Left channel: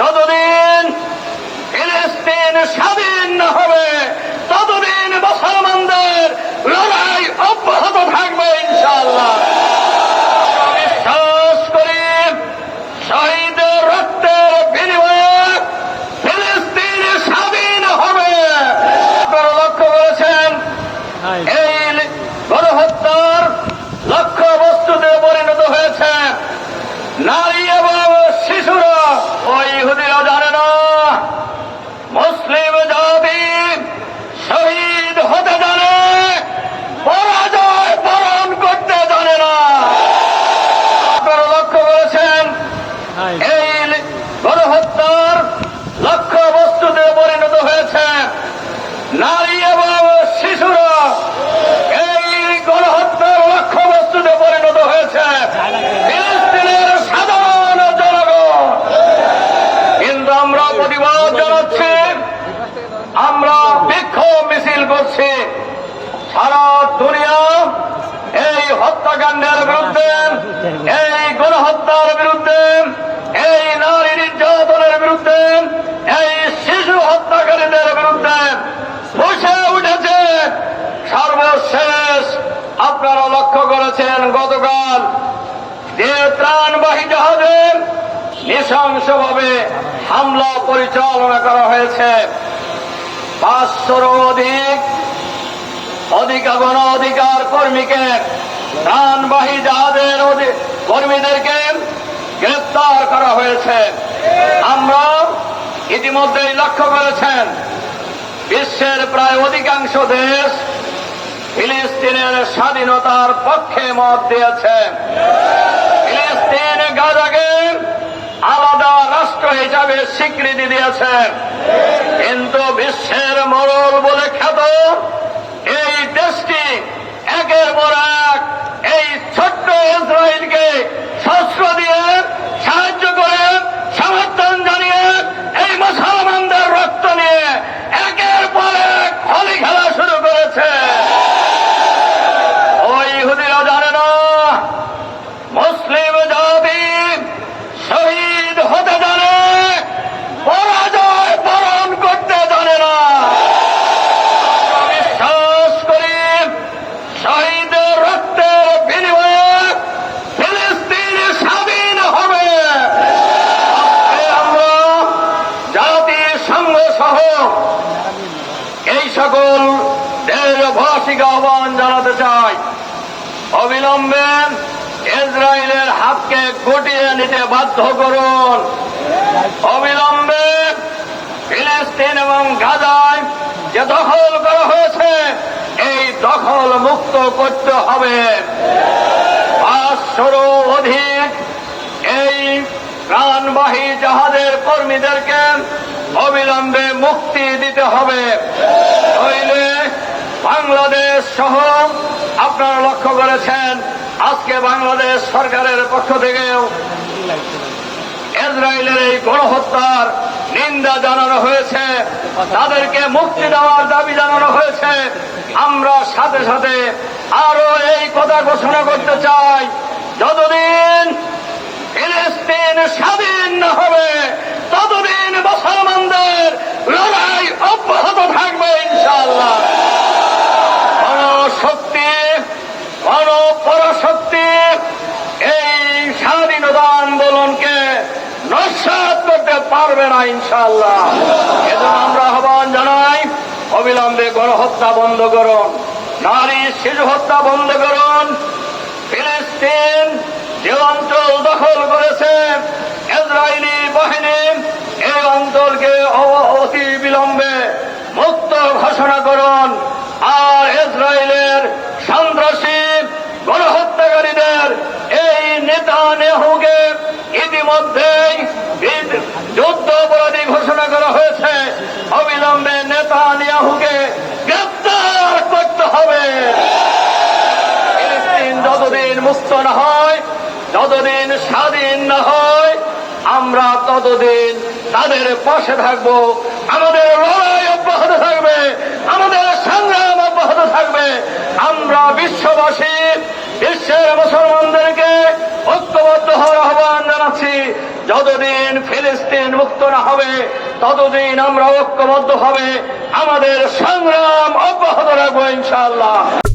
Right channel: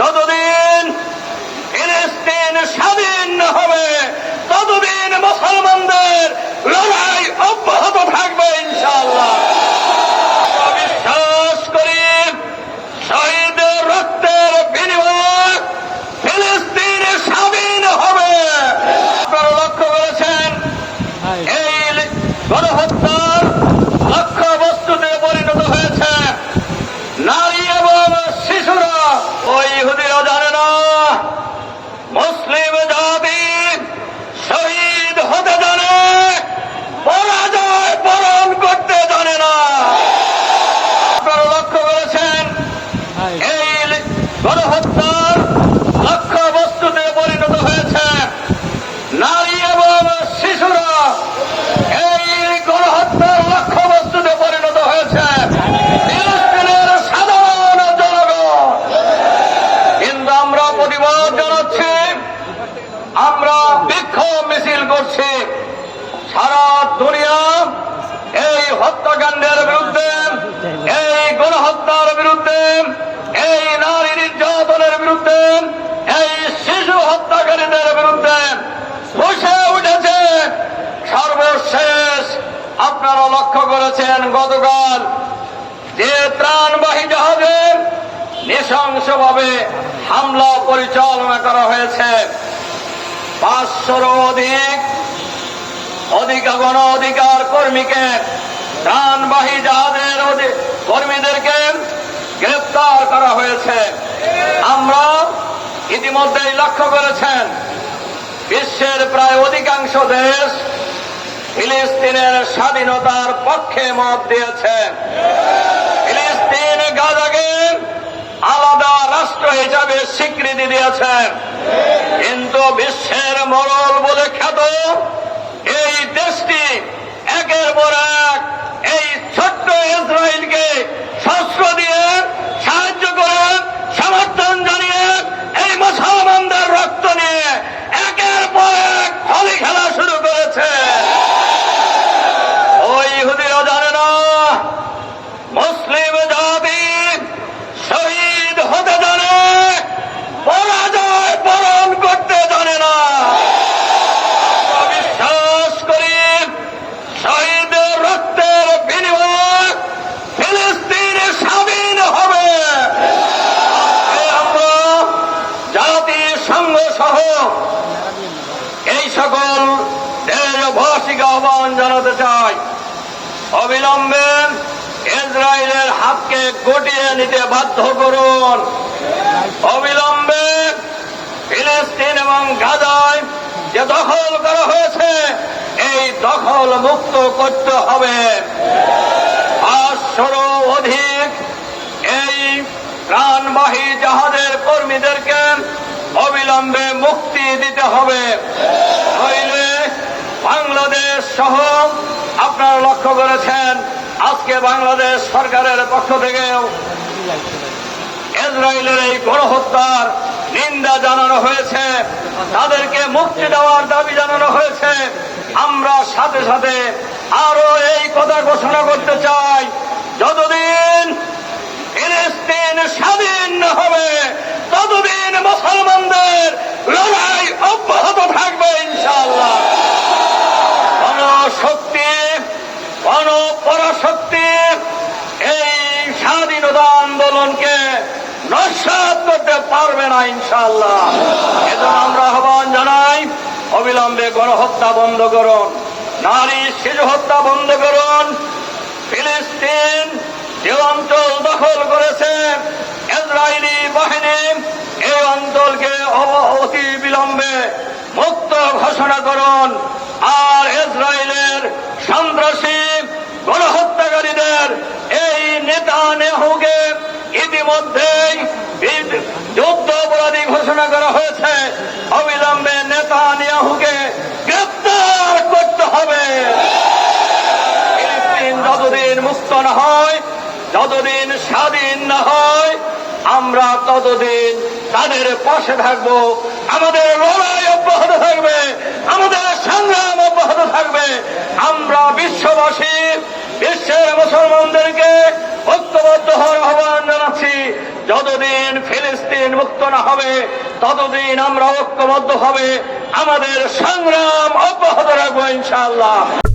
যতদিন ফিলিস্তিন স্বাধীন না হবে ততদিন মুসলমানদের লড়াই অব্যাহত থাকবে ইনশাআল্লাহ। বিশ্বাস করি শহীদের রক্তের বিনিময়ে ফিলিস্তিন স্বাধীন হবে। আপনারা লক্ষ্য করেছেন এই গণহত্যার লক্ষ্য বস্তুতে পরিণত হয়েছে নারী এবং শিশুরা ওই ইহুদিরা জানে না মুসলিম জাতি শহীদ হতে জানে পরাজয় বরণ করতে জানে না আপনারা লক্ষ্য করেছেন এই গণহত্যার লক্ষ্য বস্তুতে পরিণত হয়েছে নারী এবং শিশুরা এই গণহত্যার লক্ষ্য বস্তুতে পরিণত হয়েছে ফিলিস্তিনের সাধারণ জনগণ কিন্তু আমরা প্রতিবাদ জানাচ্ছি আমরা বিক্ষোভ মিছিল করছি সারা দুনিয়া এই হত্যাকাণ্ডের বিরুদ্ধে এই গণহত্যার বিরুদ্ধে এই নারী নির্যাতনের বিরুদ্ধে এই শিশু হত্যাকারীদের বিরুদ্ধে বসে উঠেছে সর্বশেষ আপনারা লক্ষ্য করেছেন, গতকাল যে ত্রাণবাহী জাহাজে নৃশংসভাবে হামলা পরিচালনা করা হয়েছে। পাঁচশোর অধিক অধিকার গণ অধিকার কর্মীকে, ত্রাণবাহী জাহাজের কর্মীদেরকে গ্রেফতার করা হয়েছে। আমরা ইতিমধ্যেই লক্ষ্য করেছেন, বিশ্বের প্রায় অধিকাংশ দেশ ফিলিস্তিনের স্বাধীনতার পক্ষে মত দিয়েছে। ফিলিস্তিন গাজাকে আলাদা রাষ্ট্র হিসাবে স্বীকৃতি দিয়েছে। কিন্তু বিশ্বের মরল বলে খ্যাত এই সকল দেশবাসীকে আহ্বান জানাতে চাই। অবিলম্বে ইসরায়েলের হাতকে গটিয়ে নিতে বাধ্য করুন। অবিলম্বে ফিলিস্তিন এবং গাজায় যে দখল করা হয়েছে, এই দখল মুক্ত করতে হবে। পাঁচশোরও অধিক এই প্রাণবাহী জাহাজের কর্মীদেরকে অবিলম্বে মুক্তি দিতে হবে। নইলে বাংলাদেশ সহ আপনারা লক্ষ্য করেছেন, আজকে বাংলাদেশ সরকারের পক্ষ থেকেও ইসরায়েলের এই গণহত্যার নিন্দা জানানো হয়েছে, তাদেরকে মুক্তি দেওয়ার দাবি জানানো হয়েছে। আমরা সাথে সাথে আরও এই কথা ঘোষণা করতে চাই, যতদিন ফিলিস্তিন স্বাধীন হবে মুসলমানদের লড়াই অব্যাহত থাকবে শক্তি এই স্বাধীনতা আন্দোলনকে নস্বাত করতে পারবে না, ইনশাআল্লাহ। এজন্য আমরা আহ্বান জানাই, অবিলম্বে গণহত্যা বন্ধ করুন। নারী শিশু হত্যা বন্ধ করুন ফিলিস্তিন যে অঞ্চল দখল করেছে ইসরায়েলি বাহিনী এই অঞ্চলকে অ- অতি বিলম্বে মুক্ত ঘোষণা করুন আর ইসরায়েলের সন্ত্রাসী গণহত্যাকারীদের এই নেতা নেহুকে ইতিমধ্যেই যুদ্ধ অপরাধী ঘোষণা করা হয়েছে। অবিলম্বে নেতা নেহুকে গ্রেপ্তার করতে হবে। যতদিন মুক্ত না হয়, যতদিন স্বাধীন না হয়, আমরা ততদিন তাদের পাশে থাকব। আমাদের অব্যাহত থাকবে। আমাদের সংগ্রাম অব্যাহত থাকবে। আমরা বিশ্ববাসী, বিশ্বের মুসলমানদেরকে ঐক্যবদ্ধ হওয়ার আহ্বান জানাচ্ছি। যতদিন ফিলিস্তিন মুক্ত না হবে, ততদিন আমরা ঐক্যবদ্ধ হবে। আমাদের সংগ্রাম অব্যাহত রাখব ইনশাআল্লাহ।